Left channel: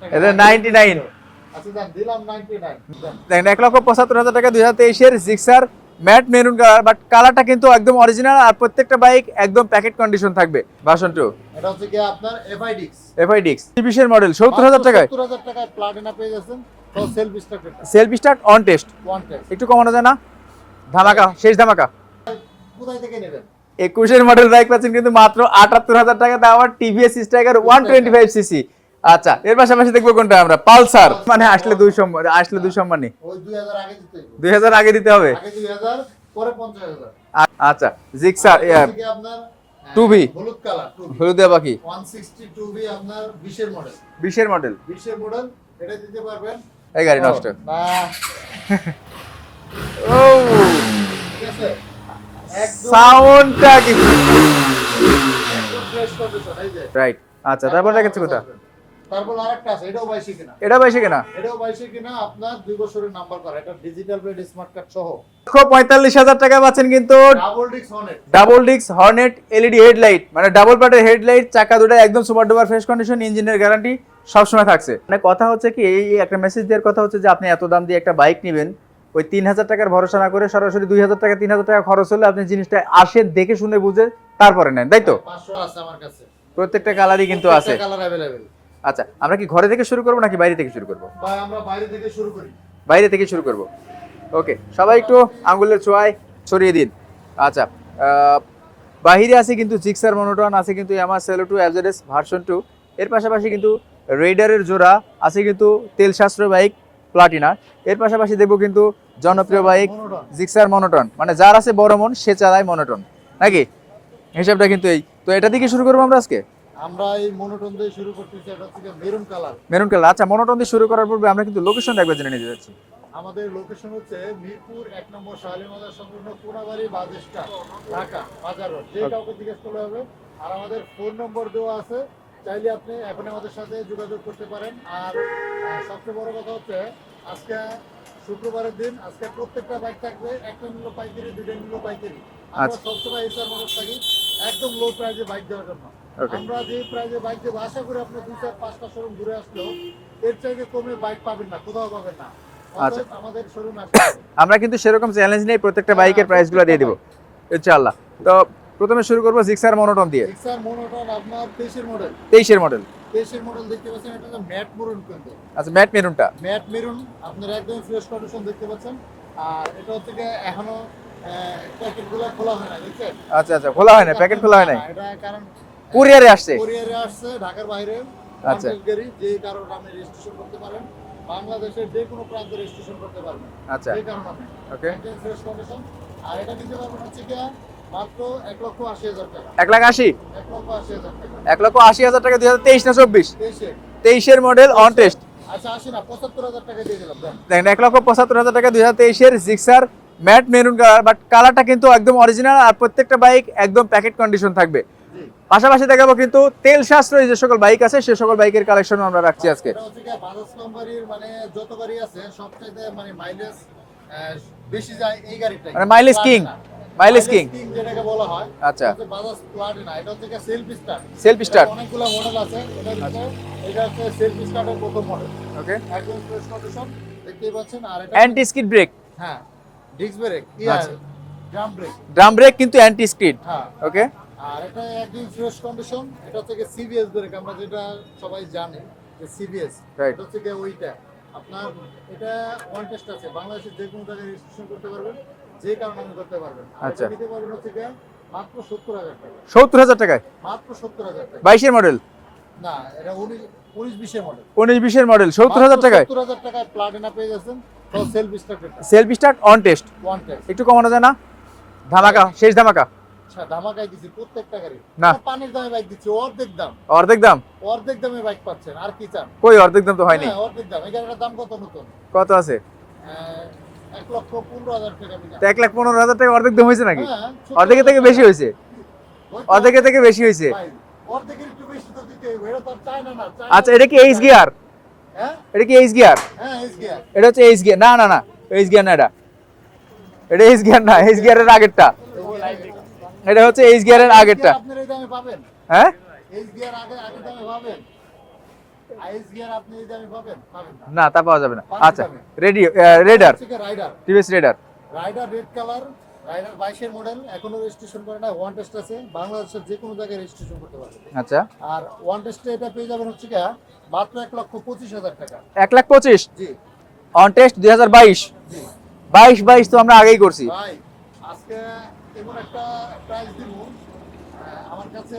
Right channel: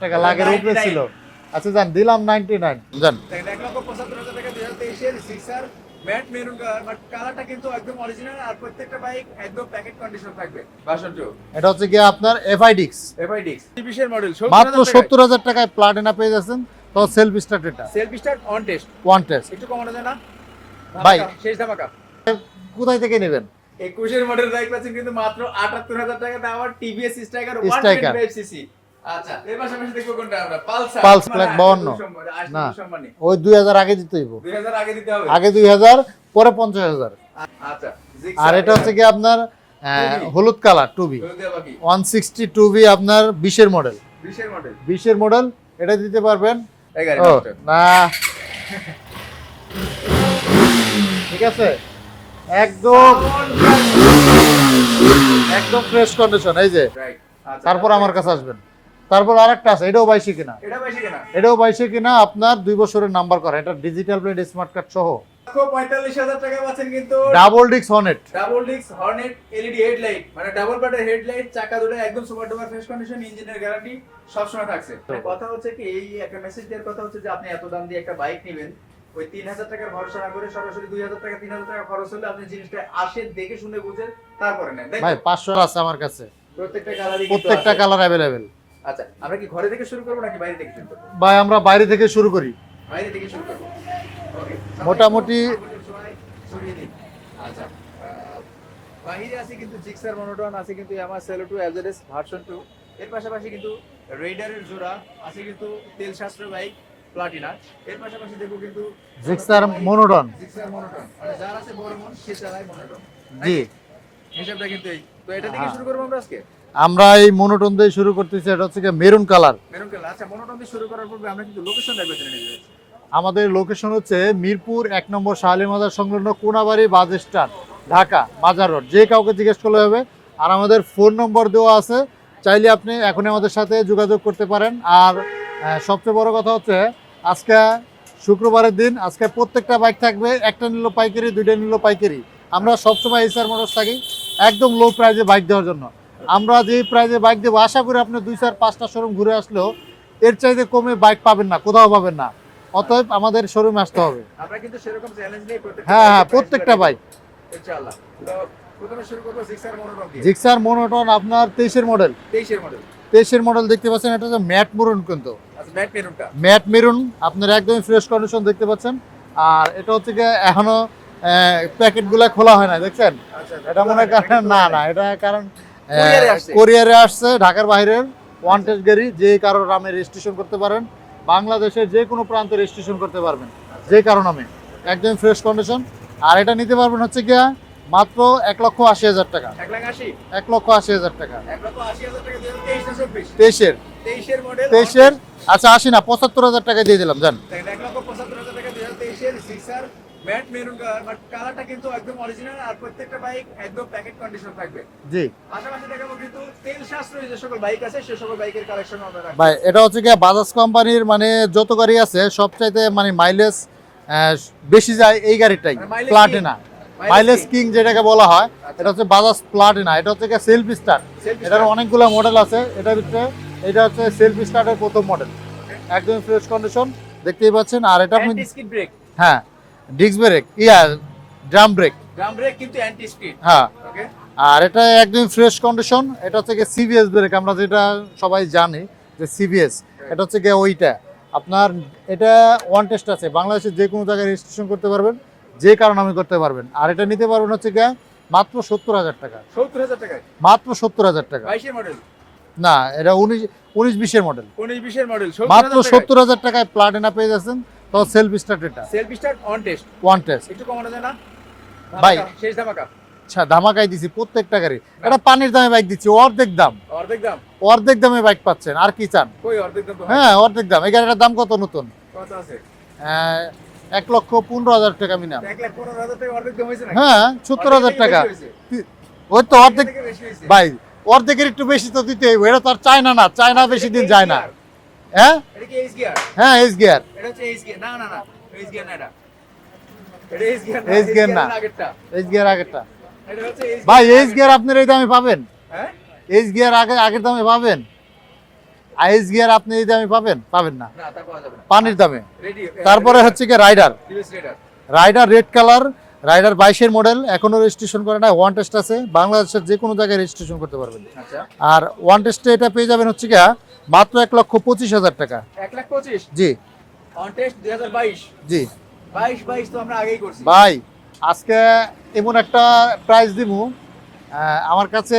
টাকা, এটা 99 আচ্ছা জান দিলাম 99 জান। দেখেন 1,75,000 টাকা 2023 এর Gixxer mat maroon colour, but কালারটা কিন্তু একদম অরিজিনাল, আর প্রত্যেকটা বাইক একদম প্যাকেট কন্ডিশন থাকবে। ভার্সন 2 এটা হচ্ছে কি আপনার এফআইডিক্স FIDX 20 এর মডেল, মাত্র 70,000 টাকায় 70,000 টাকায় প্লাটিনা পেয়ে যাচ্ছেন। তো সেলফ স্টার্ট এটা self start on test, one test. একটু কমানো যায় না? ধামাকা, শেষ ধামাকা। কোথায় থেকে নেবেন? 21 এর মডেল বাইক পাচ্ছেন কিন্তু মাত্র 78,000 টাকা, দাম আর টিভিএস স্ট্রাইকার 125 সিসি। আচ্ছা, এর পাশাপাশি দেখবো কোনটা আমরা, পালসার। মানে আসলে 2 সম্মানী ওই 2000 আগে দিতে হইব, 2000 আগে দিতে হবে, আগে 2000 পরে 50,000। আচ্ছা, জিক্সার এটা হচ্ছে কি আপনার 2V হলুদ কালার 2V হলুদিয়া বাকি 160 2V আপনার 20 এর মডেল, 20 এর মডেল, 20 এর মডেল। এটা দিতে পারবেন এই গাড়ি নষ্ট না। ও ঠিক আছে, একদম সাউন্ডটা কিন্তু একদম ফ্রেশ কন্ডিশন। এই যে রাইট। আচ্ছা, তারপর আমার কাছে আসবেন। তারপর আরেকটা আছে, এটাও 22 কিনা, এটা বাইশে কিনা, এটাও 22 কিনা, আপনার 2 বছরের নাম্বার করা, এটা ডিজিটাল প্লেট স্মার্ট কার্ড সহ। 45,000 টাকা পাচ্ছেন কিন্তু ডাবল ডিক্স Hornet, double disc Hornet LED headlight, মানে ডাবল পার্টের হেডলাইট, চাকা দুটো একদম সুপার ডুপার ফ্রেশ কন্ডিশন, ইঞ্জিনের গ্যারান্টি সবসময় থাকছে। মানে কথা হচ্ছে কি, এই একটা মেসেজ দেওয়ার কথা হচ্ছে যে আপনি এত দাম দিয়ে একটা বাইক নেবেন, ওই 3,000 টাকার ভরসা না করে সরাসরি 2,000 টাকা 3,000 টাকা খরচ হলে আপনি জিনিসটা আসে দেখে শুনে বুঝে তারপরে নেন, তাই তো? 500 আছে আমার কাছে, প্রত্যেকটা কালারই কিন্তু আছে। প্রত্যেকটা কালার अवेलेबल। আচ্ছা, আমরা কি ঘরে থেকে শুরু করব নাকি বাইরে থেকে শুরু করব? ভাই আমরা বাইরে থেকে শুরু করি, বাইরে থেকে শুরু করব। ওকে, সবাই একটু মোটামুটি- আঙ্গুলের ছোঁয়ায় ছড়িয়ে দিন। আচ্ছা, বাহিরে আছে কিন্তু জিক্সার মনোটন, আছে কিন্তু ইয়ামাহা সেলো 2 এলজেডএস ভার্সন 2, এর পাশাপাশি কিন্তু রেইডারের জোড়া আছে, কিন্তু তেল সাশ্রয় বাইক প্লাটিনা। এর পাশাপাশি দেখবো কিন্তু জনপ্রিয় বাইক মনোটন। জিক্সার মনোটন, মানে যার আছে বড় মন সে চালায় মনোটন, নাকি? হিসাবটা কিন্তু এই তো, এটা থেকে শুরু করবো আমরা আজকে। আমরা এই মনোটন দিয়ে শুরু করতেছি, এটা হচ্ছে মেরুন কালার। Maroon colour. আচ্ছা, মনোটন দিয়ে শুরু করার পূর্বে আমরা কিন্তু লোকেশনটা একবার জেনে নিতে যাচ্ছি। আমাদের লোকেশন হচ্ছে মিরপুর 1 নম্বর শাহালি মাজার সংলগ্ন কোনাবাড়ি বাস স্ট্যান্ড, ঢাকা বাজার রোড। যে কাউকে জিজ্ঞেস করলে হবে। আর আমাদের ফোন নম্বর দেওয়া আছে, চাইলে আপনি এখন আমাদের সাথে যোগাযোগ করতে পারেন। আর সবচেয়ে বড় কথা হচ্ছে আজকে শুক্রবারের দিন, আজকে প্রত্যেকটা বাইক থাকবে, একটা নিল পাইকারি, দুইটা নিল পাইকারি। আমরা সবসময় এসআর মোটরস থাকি একদম লো প্রাইজে বাইক দেওয়ার জন্য। আমরা যে প্রাইজে বাইক দেবো, আশা করি আপনি 2-4-5টা শোরুম ঘুরে আসলেও এর চাইতে কমে বাইক পাবেন না, কোথাও পাবেন না। অতএব আমাদের শোরুমে আসতে হবে। আমরা কিন্তু সেরকম চ্যালেঞ্জ নেই, প্রত্যেকটা বাইকের প্রাইসগুলো দিয়ে দেব ইনশাআল্লাহ। তো প্রথমে শুরু করব জিক্সার মনোটন দিয়ে। জিক্সার মনোটন আপনার 23 এর মডেল, 23 এর মডেল, 23 এর মডেল দেখতে পাচ্ছেন। এটা হচ্ছে ম্যাট মেরুন, কিন্তু আচ্ছা ম্যাট মেরুনটা, ম্যাট মেরুন আপনার একদম ফ্রেশ কন্ডিশন দেখতে পাচ্ছেন। আর এটা হচ্ছে কি এখনো প্যাকেটগুলো খোলা হয় না, দেখছেন? আচ্ছা আচ্ছা, খোলা হয় না, প্যাকেট খোলা হয় না, এটা কারণ কুরিয়ারে আসছে, কুরিয়ারে আসছে ঢাকার বাইরের ওয়ান টেস্ট গাড়ি, যে কারো নামে রেজিস্ট্রেশন করতে পারেন, বাংলাদেশের যে কোনো প্রান্তে রেজিস্ট্রেশন করতে পারবেন, আচ্ছা যে কারো নামে, একদম ফ্রেশ কন্ডিশন। আর এটা নিতে পারবেন হচ্ছে কি মাত্র 1,80,000 টাকা, 1,80,000, 1,80,000 টাকা, 1,80,000 টাকা 2023 না 24? 23 এর মডেল অন টেস্ট। আচ্ছা আসি না, 75,000 টাকা দিয়ে দিলাম জান। দেখেন 1,75,000 টাকা 2023 এর Gixxer mat maroon colour, but কালারটা কিন্তু একদম অরিজিনাল, আর প্রত্যেকটা বাইক একদম প্যাকেট কন্ডিশন থাকবে। জি, পাশাপাশি দেখাবো কিন্তু তেল সাশ্রয়ী যে সকল বাইক আছে সে সকল বাইকের কালেকশন আমরা রাখছি ভাই আজকে। এটা হচ্ছে কি বাজাজ কোম্পানির মানে যত গাড়ি আছে সবচাইতে মানে মাইলেজ বেশি যায় এই গাড়িটাই, মানে mileage king, Platina. Mileage mileage king. King যেটাকে বলা হয়, আচ্ছা, এটা হচ্ছে বাজাজ প্লাটিনা। এটা হচ্ছে কি সেলফ স্টার্ট, সেলফ এটা স্টার্ট, অনেকগুলো মডেল আছে। এটার ভিতরে এটা হচ্ছে সেলফ স্টার্টের প্রথম মডেল, ওকে। একদম ফ্রেশ কন্ডিশন দেখতেই পাচ্ছেন। আর এটা অ্যান্টি স্কিড ব্রেক, হ্যাঁ disc brake, drum brake, drum brake কিন্তু অ্যান্টি স্কিড, হ্যাঁ। ওকে। আর এটা একদম ফ্রেশ কন্ডিশন। এটা হচ্ছে সিবিএস ব্রেক, আমরা যেটা সবাই জানি যে সিবিএস, Right. এটা হচ্ছে গিয়ে ওইটা আপনার। এটা ওয়ান টেস্ট আছে, বাংলাদেশের যে কোনো জায়গায় রেজিস্ট্রেশন করতে পারবেন, যে কারণ আমি করতে পারবেন। আর এটা আচ্ছা। নিতে পারবেন হচ্ছে গিয়ে মাত্র 70,000 টাকা, 70,000 টাকায়, মাত্র 70,000 টাকা। 22 এর মডেল না, এটা 19-20 এর মডেল, 19-20 এর মডেল, মাত্র 70,000 টাকায় 70,000 টাকায় প্লাটিনা পেয়ে যাচ্ছেন। তো সেলফ স্টার্ট, এটা self start on test, one test. একটু কমানো যায় না? ধামাকা, শেষ ধামাকা। আচ্ছা ধামাকাই দিছি প্রত্যেকটা গাড়ি। না। এটা পানির দামে বাইক দিচ্ছি, অর্ধেক দাম, অর্ধেক দাম? অর্ধেক দামে বাইক পাচ্ছেন। আর কি চান? কই অর্ধেক দাম তো হয়নি। হ্যাঁ অর্ধেক দাম। এই গাড়িটার দাম কত নতুন? কত আছে? 1,15,000 টাকা মিনা। 1,15,000 টাকা অর্ধেক দাম হয়েছে নাকি? হ্যাঁ অর্ধেক 70,000 থেকে টাকা বেশি হয়েছে, ওই তো অর্ধেক অর্ধেক থেকে বেশি হয়েছে ভাই, অর্ধেকের একটু বেশি তো দিতে হইব। এটা তো আর চায়না না, চায়না আচ্ছা, এটা বেশি কি দিন এইচ যায় না। গিয়ার? হ্যাঁ এটা কি এইচ গিয়ার? হ্যাঁ এস গিয়ার, এটা হচ্ছে এইচ গিয়ার। না না না, এইচ গিয়ার না, এটা এইচ গিয়ার না, এইচ এইচ গিয়ার গিয়ারের না। আগেরটা, এস গিয়ার আগেরটা। এটা হচ্ছে এইচ ভাই গিয়ারের এস আগেরটা। গিয়ার আপনার এই দামে পাবেন? হ্যাঁ, এস গিয়ার আগের দামে পাবেন? আইএস গিয়ার আপনি এই দামে পাবেন না না তা পাওয়া যাবে না পানির দামে। রেডি তারপরে রেডার হচ্ছে কি Raider TVS Raider red colour, Raider 22 model, এখনো রেজিস্ট্রেশন করে না, ওয়ান টেস্ট আছে, বাংলাদেশের যে কোনো জায়গায় রেজিস্ট্রেশন করতে পারবেন। আচ্ছা আর ওয়ান টেস্টে এটা পেয়ে যাবেন হচ্ছে কি মাত্র 1,25,000 টাকা। 1,25,000 জি অন টেস্ট 2022 জি 22 তো আমরা আগেই করছি ভাই, আজকে এমন একটা প্রাইস দিমু, আমার কাছে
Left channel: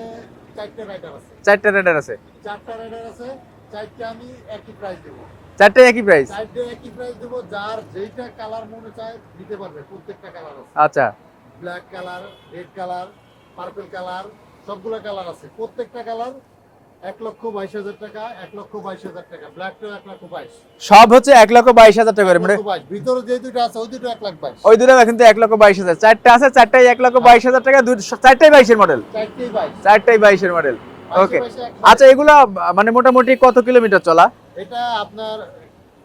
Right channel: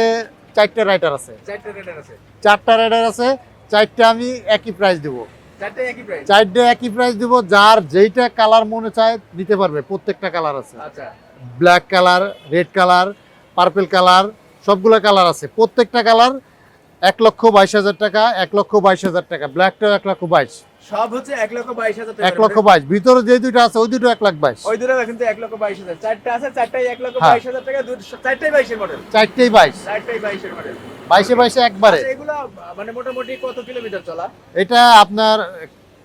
4টা রাইডার আছে, 4টা রেডার আছে 4টা রাইডার আছে, 4টা আমি একই প্রাইস দিব, 4টাই একই প্রাইস 4টা একই প্রাইস দিব, যার যেইটা কালার মনে চায় নিতে পারবে, প্রত্যেকটা কালার আছে, আচ্ছা black colour, red colour, purple colour, সবগুলো কালার আছে, প্রত্যেকটা কালার 1,22,000 টাকা, 1,22,000 টাকা, ব্ল্যাকটাও 1,22,000, সব হচ্ছে 1,22,000 টাকা করে। 1,22,000 ভিতরে যে দুইটা আছে ওই দুটো 1,22,000, ওই দুটো কিন্তু 1,22,000 চারটা আছে, চারটাই 1,22,000 টাকা, চারটাই 22 এর মডেল, 4টেই 22, চারটাই 22 এর মডেল। 22 একবার। আচ্ছা এগুলা মানে মোটামুটি কত কিলোমিটার চলা? এটা আপনার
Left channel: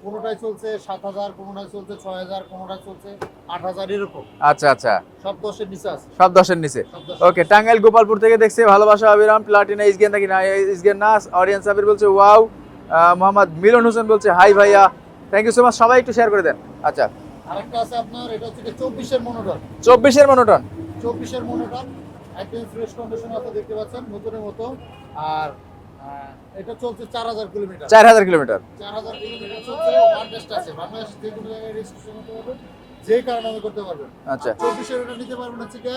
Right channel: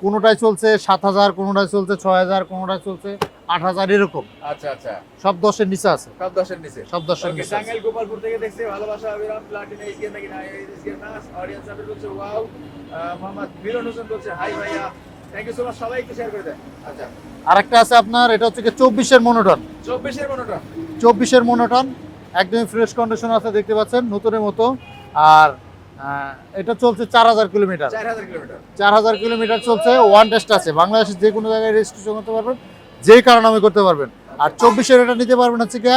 কোনোটাই চলছে 7,000, কোনোটাই চলছে 6,000, কোনোটাই চলছে 8,000, এরকম, আচ্ছা আচ্ছা সব 10-এর নিচে আছে, সব 10 এর নিচে। সব 10। ওকে, টাঙ্গাইল গোপালপুর থেকে দেখছে, ভালোবাসা অবিরাম, প্লাটিনা ইসগেন নাকি না ইসগেন না, অডিয়েন্স সাবির বলছে ওয়াও, মোহাম্মদ মিলন হোসেন বলছে হাই ভাইয়া, থ্যাংক ইউ সো মাচ, সবাই একটু শেয়ার করে দেন। আচ্ছা আরেকটা আছে আপনার, এটা হচ্ছে কি 24-এর মনোটন, 24 এর মনোটন, 24-এর মনোটন, একদম ফ্রেশ কন্ডিশন আছে, দেখতে পাচ্ছেন নতুনের মতো। আর এটা চলছে 4,000 কিলোমিটার, 4,000 কিলোমিটার। 4,000 কিলোমিটার চলছে, ওয়ান টেস্ট আছে, বাংলাদেশের যে কোনো জায়গায় রেজিস্ট্রেশন করতে পারবেন, যে কারণে আমি করতে পারবেন। আচ্ছা। আর 24-এর এটা নিতে পারবেন হচ্ছে কি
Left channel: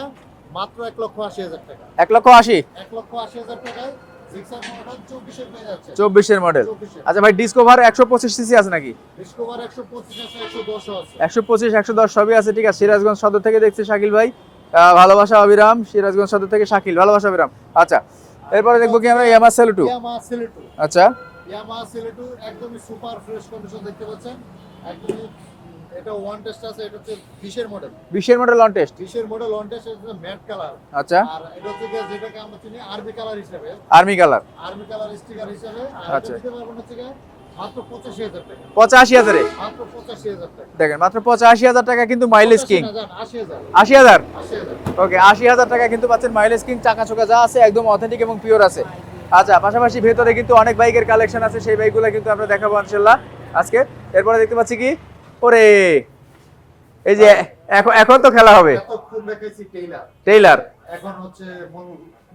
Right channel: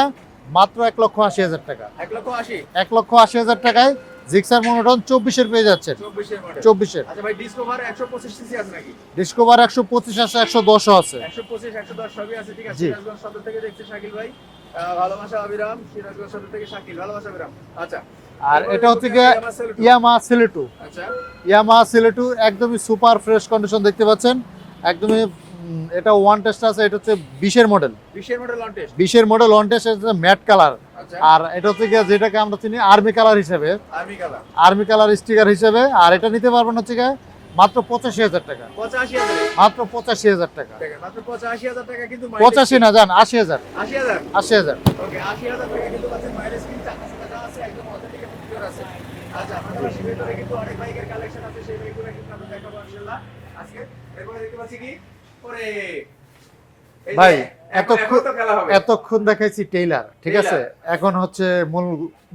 মাত্র 1,80,000 টাকা, 1,80,000 1,80,000 টাকায় জিক্সার মনোটন 24-এর পেয়ে যাচ্ছে, 24 এর মডেল। 24-এর। আচ্ছা ভাই, ডিসকভার 125 সিসি আছে নাকি? ডিসকভার 125 আছে, 110 আছে, 125 110 সবই আছে, ঠিক আছে। সিরাজগঞ্জ সদর থেকে দেখছে শাকিল ভাই, ভালোবাসা অবিরাম, সিরাজগঞ্জ সদর থেকে শাকিল, ভালোবাসা অবিরাম। আচ্ছা আর এরপরে এটা দেখবো কি হচ্ছে আমি গিয়ে ইয়ামাহা সেলুটো। ইয়ামাহা সেলুটো, আচ্ছা ইয়ামাহা সেলুটো একদমই সুপার ফ্রেশ কন্ডিশন, দেখতে পাচ্ছেন একদমই। এটা ওয়ান টেস্ট আছে, এটা হচ্ছে 20-এর মডেল, 20 এর মডেল অন টেস্ট, 20-এর মডেল ওয়ান টেস্ট, এটা ম্যাট কালার। আচ্ছা আর এটা হচ্ছে গিয়ে যেটাকে আমরা চিনি আর্মি কালার হিসেবে, army colour, army colour sticker হিসেবে। আর এটা আচ্ছা। নিতে পারবেন হচ্ছে গিয়ে মাত্র 85,000 টাকা, 85,000 এ, মাত্র 85,000 টাকা, দেখেন মাত্র 85,000 টাকা, কিন্তু মাইলেজ 85 না জান 80,000, 80,000। 80,000। ওকে, 80,000 টাকা কিন্তু পাচ্ছেন, মাইলেজ কিং, চাকা চোকা যা আছে একদম অথেন্টিক এবং পিওর আছে। আচ্ছা, পাশাপাশি ভেতরে কিন্তু অনেক বাইকের কালেকশন আছে, সেই বাইকগুলো কিন্তু আমরা দেখাবো ইনশাআল্লাহ আজকে। এরপরে দেখতে পাচ্ছি কি, ওরে এই যে ভাই, এখন তো খেলা হবে, এতক্ষণ দেখাইছি টেইলার, টেইলার। এখন হচ্ছে মূল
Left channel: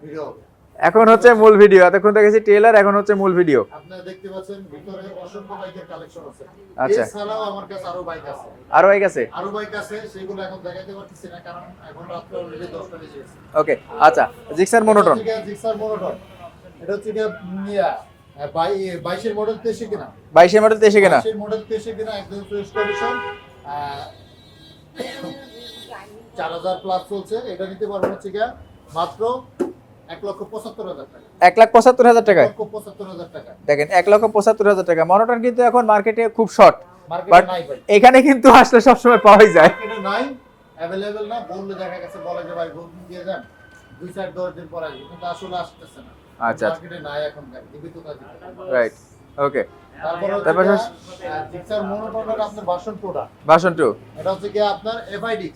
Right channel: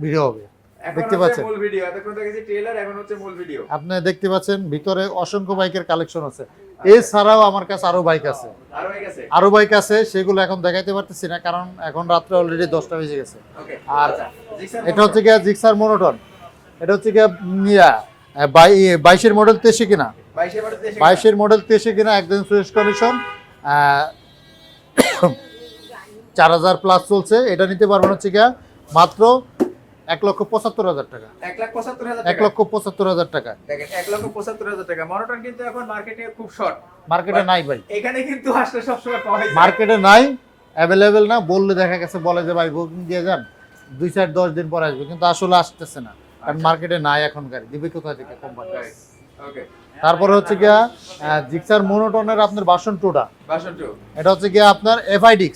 ভিডিও হবে, এখন দেখতে হচ্ছে পাচ্ছেন? মূল ভিডিও, এতক্ষণ দেখেছি ট্রেলার, এখন হচ্ছে মূল ভিডিও। আপনি দেখতে পাচ্ছেন ভিতরে অসংখ্য বাইকের কালেকশন আছে, আচ্ছা। এছাড়াও আমার কাছে আরো বাইক আছে, আরো হয়ে গেছে। সেগুলো এখন দেখাইতে পারতেছি না, কারণ এখন রাত্রে অলরেডি 10টা বেজে গেছে। ওকে, আর আচ্ছা জিক্সার এটা মনোটন, হচ্ছে গিয়ে জিক্সার মনোটন, এটা হচ্ছে গিয়ে 22-এর মডেল 23 কিনা, 22 এর মডেল 23 কিনা, 22-এর মডেল 23 কিনা, একদম ফ্রেশ কন্ডিশন, 4,000 প্লাস চলছে। এটা নিতে পারবেন হচ্ছে গিয়ে মাত্র 1,75,000 টাকা, 1,75,000 টাকা। 1,75,000 টাকা। দেখেন 1,75,000 টাকা। মনোটন কিন্তু এখন মার্কেটে খুব শর্ট, মার্কেটে নাই ভাই, এখানে কিন্তু আসলে সবসময় পাওয়াই যায়। মার্কেটে নাই, অ্যাভেলেবেল না, বললে দেখা গেছে বলে যে ভাই বুকিং দিয়ে যান 2-4-10 দিন পর আসবে, কিন্তু আসলে আসতেছে না, আচ্ছা। মার্কেটে নাই এখন গাড়ি, দিবে কোথা থেকে কোম্পানি। রাইট, ওকে। তারপরে হচ্ছে তারপরে গিয়া জিক্সার মনোটনের আপনার ভার্সন 2টা, ভার্সন 2 এটা হচ্ছে গিয়া আপনার FIDX,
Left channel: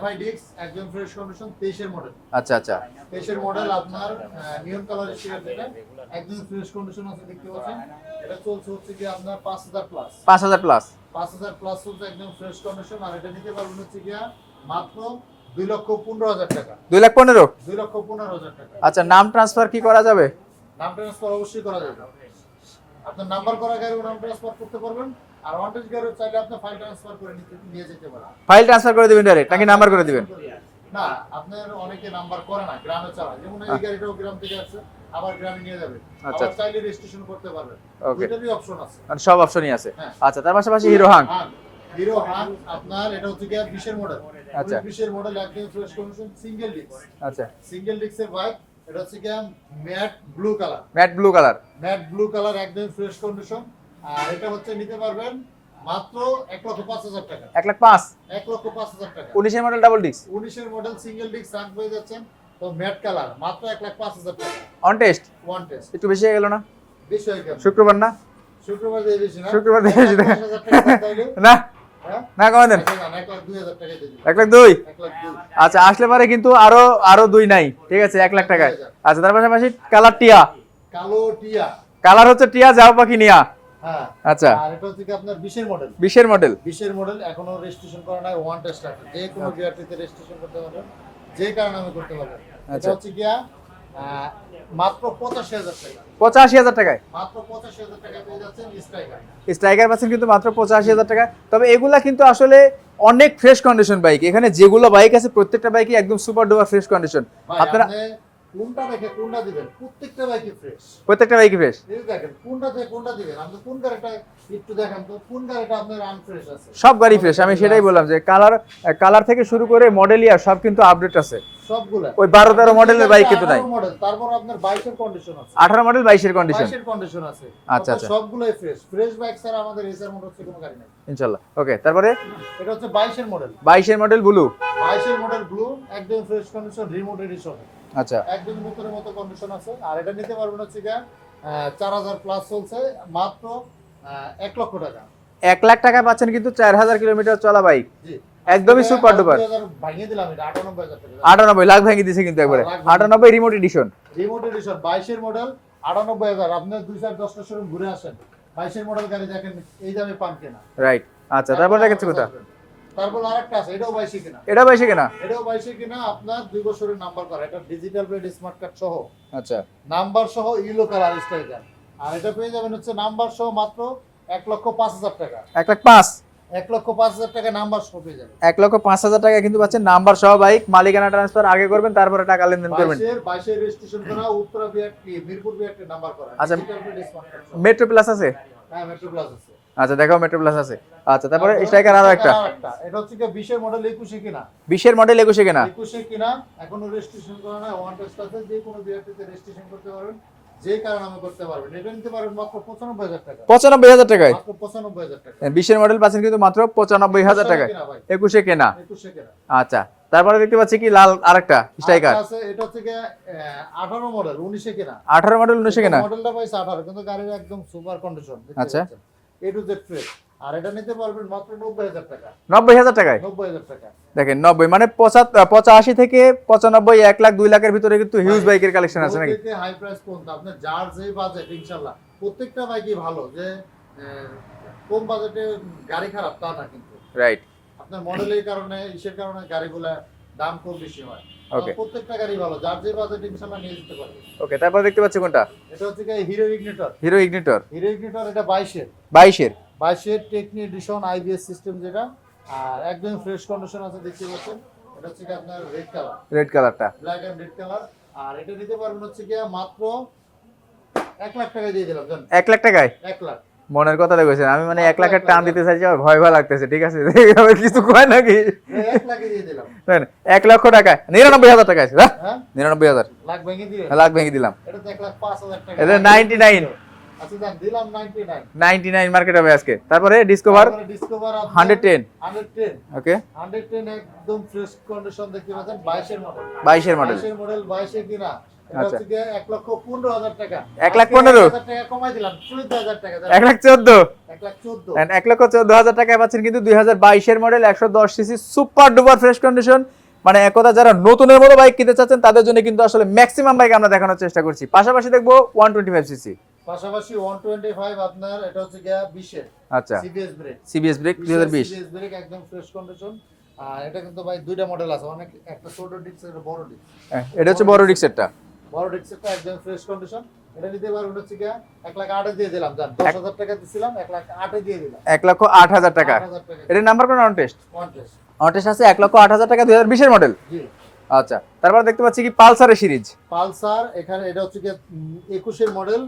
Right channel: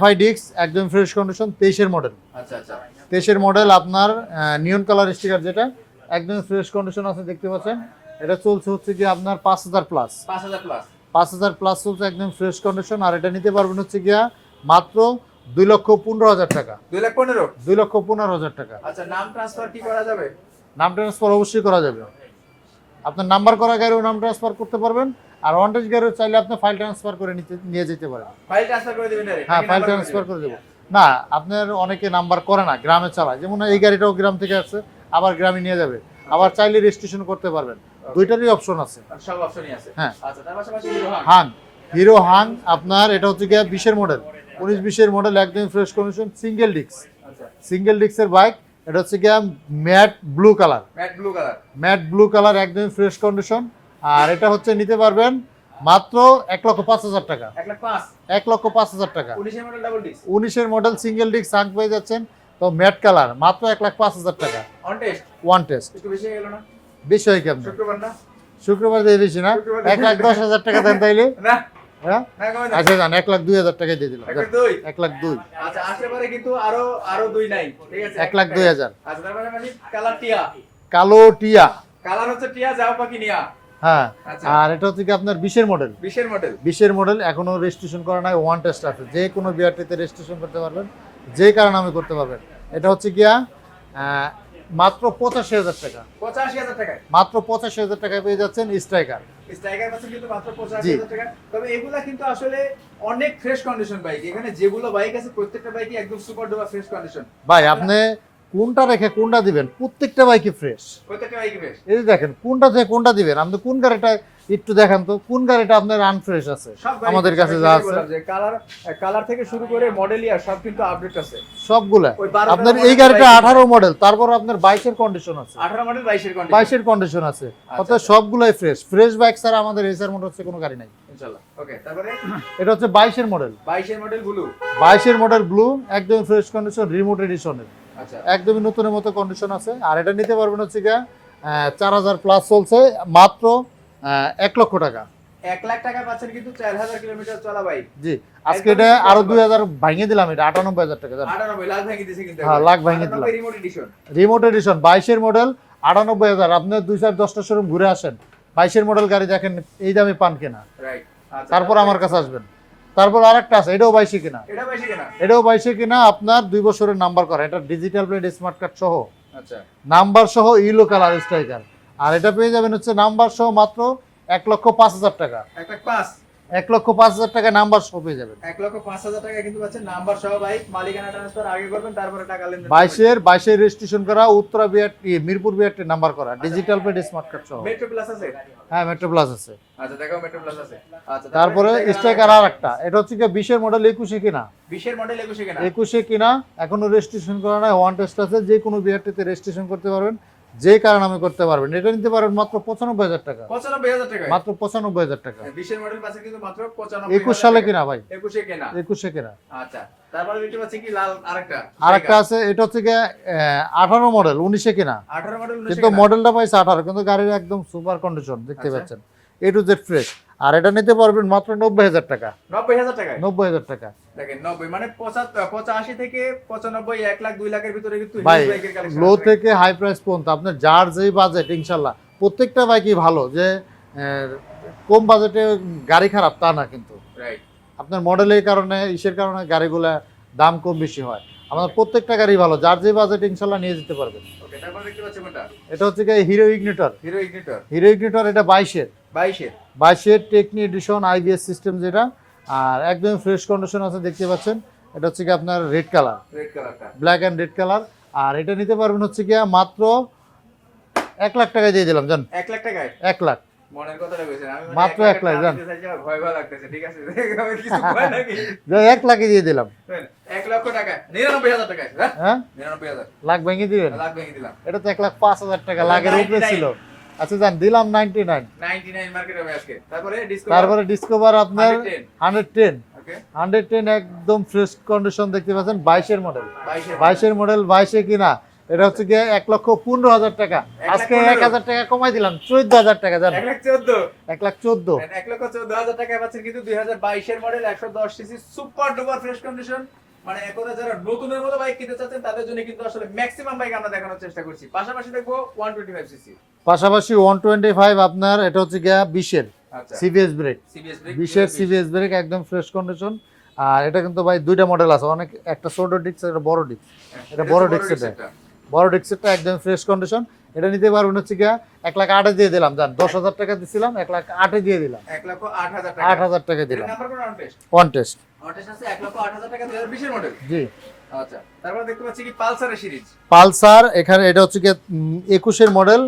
FIDX একদম ফ্রেশ কন্ডিশন, 23-এর মডেল, আচ্ছা আচ্ছা 23-এর মডেল, আপনার নিয়ন কালার স্টিকার, যেটা একদম ফ্রেশ কন্ডিশন আছে, দেখতে পাচ্ছেন। এটা চলছে হচ্ছে কি আপনার 5,000 প্লাস, 5,000 প্লাস, 5,000 প্লাস চলছে, একদম ফ্রেশ কন্ডিশন। আর এটা নিতে পারবেন হচ্ছে গিয়া মাত্র 2,15,000 টাকা, 2,15,000। 2,15,000 টাকা। আচ্ছা, নাম ট্রান্সফার কি করা যাবে? নাম ট্রান্সফার অবশ্যই করা যাবে, আপনার নাম্বার করা গাড়িও নাম ট্রান্সফার করতে পারবেন, আর ওয়ান্টেজ গাড়িও চাইলে আপনি ফাইল ট্রান্সফার করে নিয়ে যেতে পারেন। ফাইল ট্রান্সফার করে দিবেন ডাইরেক্ট নাকি হ্যাঁ, নাম্বার file করে দিবেন? transfer দেব। না, আপনার অনেকে নাম্বার করে না, গ্রামে চালায়, যেমন এই গাড়িটাও গ্রাম থেকে আসছে, আবার গ্রামে নিয়ে যাবে, আবার চাইলে রেজিস্ট্রেশন করতে পারবেন, Okay. দুইটারই অপশন আছে। মানে সব অপশনই আছে। হ্যাঁ। আচ্ছা, তার পাশাপাশি হিরো হাং, হিরো হাং আপনার এটা হচ্ছে গিয়ে 20-এর মডেল, আচ্ছা। 19-20-এর মডেল, একদম ফ্রেশ কন্ডিশন, সিঙ্গেল ডিস্ক, আচ্ছা সিঙ্গেল ডিস্কের বাইক। এটা হচ্ছে গিয়ে matte blue colour, matte blue colour, matte blue colour, একদম ফ্রেশ কন্ডিশন। আর এটা হচ্ছে নিতে পারবেন মাত্র 1,05,000 টাকা, 1,05,000। 1,05,000 টাকা। 19 এর মডেল ডাবল ডিস্ক, 19-এর মডেল সিঙ্গেল ডিস্ক সাং পেয়ে যাচ্ছেন, তো ম্যাট কালার, মাত্র 1,05,000 টাকা, অন টেস্ট। One test. একটু বেশি হয়ে গেল না? বেশি হয় কেমন? শুক্রবার না? শুক্রবার দিয়ে দিচ্ছি না, শুক্রবার দিয়ে 1,10,000 টাকা দেন তাইলে। না হ্যাঁ, না, কমে দেন। আচ্ছা জান, 1,02,000 টাকা দিয়ে দিলাম, 1,02,000। 1,02,000। আচ্ছা, আসলে পারে কিন্তু আরো 2 নাই, ঠিক আছে, 1 লাখ টাকা। 1,02,000। আচ্ছা, তার পাশাপাশি কালার টিয়া, কালো টিয়া, কালার হচ্ছে টিয়া যাও পাখি নিয়া। হ্যাঁ আচ্ছা, আর এটা হচ্ছে কি আপনার 20 এর মডেল। 20 এর মডেল। 20 এর মডেল, এখনো রেজিস্ট্রেশন করা নাই, ওয়ান টেস্ট আছে, যে কোনো বিআরটিতে রেজিস্ট্রেশন করতে পারবেন, যে কারণে নামে করতে পারবেন। এটা হচ্ছে গিয়া মাত্র 85,000 টাকা। 85,000 টাকায় মাত্র 85,000 টাকায় পেয়ে যাচ্ছেন স্ট্রাইকার। স্ট্রাইকার পাচ্ছেন কিন্তু মাত্র 85,000 টাকা। তবে এগুলা কিন্তু আসলে অনেক ফ্রেশ কন্ডিশন বাইক। এখানে যেগুলো বাইক আছে প্রত্যেকটা বাইকই একদম সুপার ডুপার ফ্রেশ কন্ডিশন। ভাই আপনি কোনটা রেখে কোনটা দিবেন, প্রত্যেকটা বাইকই ফ্রেশ, প্রত্যেকটা বাইকই ফ্রেশ। এই যে দেখেন কোনটা থেকে কোনটা দিবেন, আপনি কোন গাড়িটা একটু দেখান তো, কোন গাড়িটা আপনার আনফ্রেশ আছে? সব গাড়ি আমাদের ফ্রেশ। আমি কাছে সেটাই আছে। বললাম যে কালার থেকে শুরু করে মডেল ইয়ার সব কিন্তু আপডেট আছে সবগুলা। ওই 12 আপনার এই মডেলের গাড়িটা বাইক 18 মডেল, তারপর আপনার 22 এর কন্ডিশন আছে, 18 মডেল 22 এর কন্ডিশন। 22 এর কন্ডিশন আছে। আচ্ছা, আপনার সবগুলাই ফ্রেশ। ফ্রেশ বাইক ছাড়া আমাদের এসআর মোটরস কোনো গাড়ি নাই ইনশাআল্লাহ। ওকে, তারপরে এটা হচ্ছে 22 এর মডেল। 22 এর মডেল ব্লু। 22 এর মডেল ব্লু, একদম ফ্রেশ কন্ডিশন, রিমোট এডিশনের, আচ্ছা, একদমই নতুনের মতো কন্ডিশন আছে। আর এটা নিতে পারবেন হচ্ছে গিয়া 4000 প্লাস চলছে, মাত্র 1 লক্ষ টাকা। 1 লাখ টাকা পাচ্ছেন কিন্তু 4000 কিলোমিটার চলা বাইক। জি, একদমই একদমই super আরো duper। 2000 ভাঙিয়ে দিলাম, এটা 98,000 টাকা। 98 লাখ ভেঙে দিয়েছে কিন্তু একবার। লাখ ভেঙে 98 রিমোট এডিশন। রিমোট এডিশন 22 এর মডেল, 98,000। আপনার 2-10টা শোরুম ঘুরে আসেন, 22 এর মডেল গাড়ি দেখেন, এই দামে পান কেনা। রাইট। আচ্ছা, তারপর তারপরে আমার কাছে আসবেন। তারপর আরেকটা আছে, এটাও 22 কিনা। এটা 22 কেনা। এটাও 22 কিনা, আপনার 2 বছরের নাম্বার করা, এটা ডিজিটাল প্লেট স্মার্ট কার্ড সহ, আচ্ছা, নাম্বার সহ, ইলো কালার স্ট্রাইকার। আর এটা পেয়ে যাবেন হচ্ছে নাম্বার সহ মাত্র 1,05,000 টাকা। 1 লাখ 5। 1,05,000 টাকা নাম্বার সহ পেয়ে যাবেন। 1,05,000 টাকা কিন্তু পাচ্ছেন নাম্বার সহ বাইক। মালিকানা ট্রান্সফার আগে করবেন, তারপরে টাকা লেনদেন করবেন। 22 এর রেজিস্ট্রেশন করা, উত্তরা মিরপুর বিআরটি নাম্বার করা, আচ্ছা। ডিজিটাল প্লেট স্মার্ট কার্ড সহ। মেট্রো প্লাস আছে? হ্যাঁ, মেট্রো প্লাস আছে। আচ্ছা, দেখাও মেট্রো প্লাস আছে। আচ্ছা, তারপরে তারপরে স্ট্রাইকার স্ট্রাইকার আরেকটা, এটা হচ্ছে কি 20 এর মডেল, 21 এ কিনা। 20 এর মডেল 21 কেনা। 21 কিনা, এখনো রেজিস্ট্রেশন করা নাই, ওয়ান টেস্ট আছে, যে কোনো বিআরটিতে রেজিস্ট্রেশন করতে পারবেন, যে কারণে নামে করতে পারবেন। এটা নিতে পারবেন মাত্র 95,000 টাকা। 95,000 টাকায় মাত্র 95,000 টাকা। 20 এর মডেল পাচ্ছেন কিন্তু মাত্র 95,000 সালে টাকা। কিনা ভাই, 21 কেনা। 21 কিনা। আচ্ছা, তারপরে দেখতে পাচ্ছি কি লাল আরেকটা স্ট্রাইকার। আরেকটা আছে, এটা হচ্ছে কি 18 মডেল, 19 কিনা। 18 মডেল 19 কেনা। মডেলটা পাইছে 18, কিন্তু গাড়ির একদম সুপার কন্ডিশন দেখতে আচ্ছা। পাচ্ছেন, এ টু জেড ফ্রেশ। আর এটা নিতে পারবেন মাত্র 90,000 টাকা। 90,000 টাকায়। 90,000 টাকা। দেখেন 90 মানে 85 থেকে 95, 1 লাখ 2 লাখের ভিতরে কিন্তু হিউজ বাইকের কালেকশন লো আছে। থেকে হাই প্রাইস পর্যন্ত আপনার যার যেই বাজেট, ইনশাল্লাহ প্রত্যেকটা বাইকই ভালো, যে কম বাজেটে গাড়ি খারাপ তা না, কিন্তু রাইট। আপনার মডেলের কারণে, ইসের কারণে গাড়িগুলা দাম কম বেশি হয়। আমার Okay. প্রত্যেকটা গাড়ি ভালো, যার যে বাজেট ইনশাল্লাহ নিয়ে যেতে পারবে। ওকে, তারপর দেখতে পাচ্ছি কোনটা? এটা হচ্ছে কি hero ignitor. Hero ignitor. Hero ignitor, এটা 22 এর 22 এর টেকনি এডিশন, আইবিএস সিস্টেম যেটা, আর একদম ফ্রেশ কন্ডিশন আছে দেখতে পাচ্ছেন। এটা হচ্ছে কি আপনার রেড কালার, রেড কালারটা। Black and red colour. আর এটা নিতে পারবেন হচ্ছে কি মাত্র 1 লাখ টাকায় দিয়ে দিলাম, জান। 1 লাখ টাকায়? 1 লাখ। মনের কথা লেগেছে। আমি মানে 1 মাত্র লাখের 1 লাখ টান দিতে চাইছি, আমার ভয় ভয় লাগতেছে। ঠিক আছে, এভাবে কিছু কয় নাকি? 1 লাখে দিয়ে দিলাম। 1 লক্ষ টাকা, 99,000 টাকা আছে। হ্যাঁ, 99,000 লাখ ভেঙে দিবেন। লাখ ভেঙে দিলাম। এটা তো 1,05,000 টাকা। এটা 99। আচ্ছা জান, দিলাম 99। 99 মার্কেট হবে আজকে। তারপরে ডিসকভার তারপরে ডিসকভার আপনার 110। 110। ওকে, 110 একদম ফ্রেশ কন্ডিশন দেখতে পাচ্ছেন, 22 এর মডেল। 22 এর মডেল। 22 এর মডেল, 22 এ কিনা। এটা হচ্ছে কি 1,15,000 টাকা। 1,15,000 টাকা কমাই দিলাম, 14,000 টাকা, জান। 1,14,000। 1,14,000। 1,14,000 টাকায় পাচ্ছেন কিন্তু 2022 এর model 110 CC super duper fresh condition. মানে এক কথা যারা নতুনের মতো বাইক কিনতে চাচ্ছেন তাদের জন্য কিন্তু আসলে ম্যাক্সিমাম বাইক আমরা দেখানোর চেষ্টা করছি। পাশাপাশি দেখবো 125 সিসি। পাশাপাশি 125 আপনার, এটা হচ্ছে গিয়া 20 এর আচ্ছা, সিবিএস ব্রেক। সিবিএস ব্রেক 20 এর সিবিএস ব্রেক, একদম ফ্রেশ কন্ডিশন। আর এটা কিন্তু ভাই দুইটা মডেল আছে, অনেক, একটা ছোট ডিস্ক, একটা বড় ডিস্ক। এটা হচ্ছে বড় ডিক্সেরটা। বড় ডিস্কটা একদম ফ্রেশ কন্ডিশন। এটা নিতে পারবেন হচ্ছে গিয়া 1,08,000 দিয়ে দিলাম, জান। 10,000 টাকা দিছিলাম, 1,08,000 দিয়ে দিলাম। 1,08,000 টাকা। 8,000 টাকা এর নাম্বার কোন on test? One test. On test আছে 1,08,000 টাকা 2020 এর মডেল। জি। আচ্ছা, তারপর দেখতে পাচ্ছি কি পালসারের সিরিজ। পালসার, এখানে এটা হচ্ছে গিয়া 21 এর মডেল,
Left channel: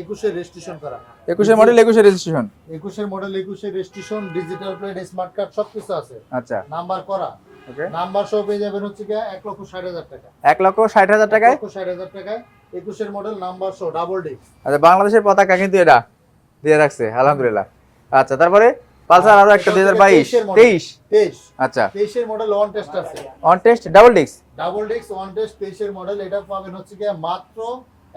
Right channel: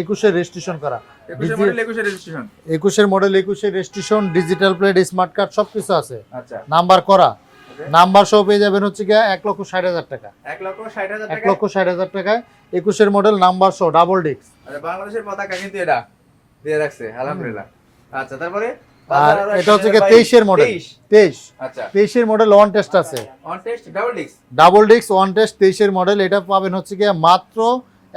21 এর রেজিস্ট্রেশন করা। 21 এর মডেল 21 এর রেজিস্ট্রেশন। 21 এর মডেল, 21 এর registration, digital plate, smart card সবকিছু আছে, আচ্ছা, নাম্বার করা। ওকে, নাম্বার সহ পেয়ে যাবেন হচ্ছে গিয়া 1,60,000 টাকা। 1,60,000 টাকা। 1,60,000 টাকায় 21 এর মডেল, নাম্বার সহ, ডাবল ডিস্ক। আচ্ছা, বাংলাদেশের পতাকা কিন্তু এটা দিয়ে রাখছে, আলহামদুলিল্লাহ। আচ্ছা, তারপরে পালসার আরো একটা 23 এর মডেল। 23। আচ্ছা, আচ্ছা, 23 এর মডেল, ওয়ান টেস্ট আছে, on test double disc. Double disk, one test, 23 এর মডেল। এটা পাবেন হচ্ছে গিয়া মাত্র